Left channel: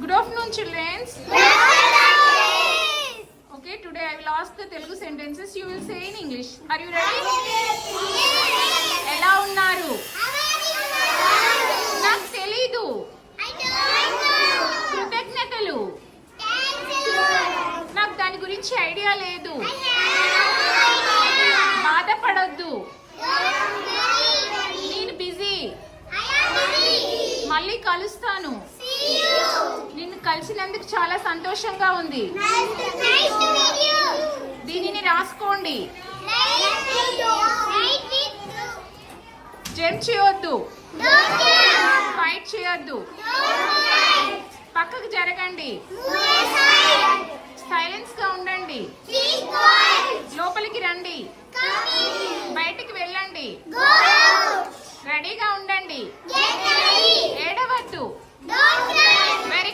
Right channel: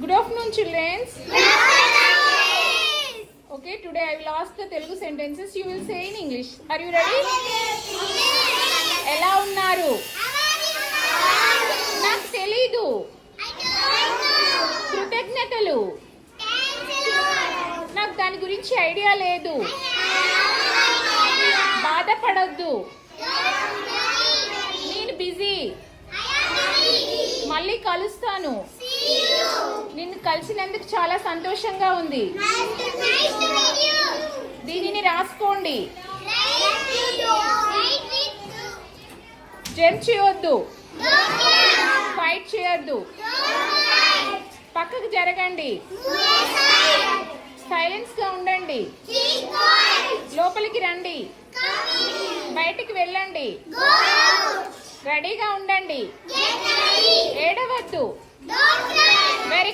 Good afternoon, children. Okay, today I will ask the Telugu sentences. You will say in English. Are you ready? ఎలా ఉన్నారు? నాకు తెలీదు. కృతజ్ఞతలు. నాకు దాని గురించి ఐడియా లేదు. బాధపడొద్దు. నేను బిజీ. మళ్ళీ కలుస్తాను. నిన్ను కలిసినందుకు చాలా సంతోషంగా ఉంది. దీనిని రాసుకోండి. జంప్ చేయొద్దు. ఫైట్ చేయొద్దు. పక్కకు జరగండి. సైలెన్స్ గా ఉండండి. లోపలికి రండి. బయటికి వెళ్ళండి. రెడీగా ఉండండి. ఏడవద్దు. వెరీ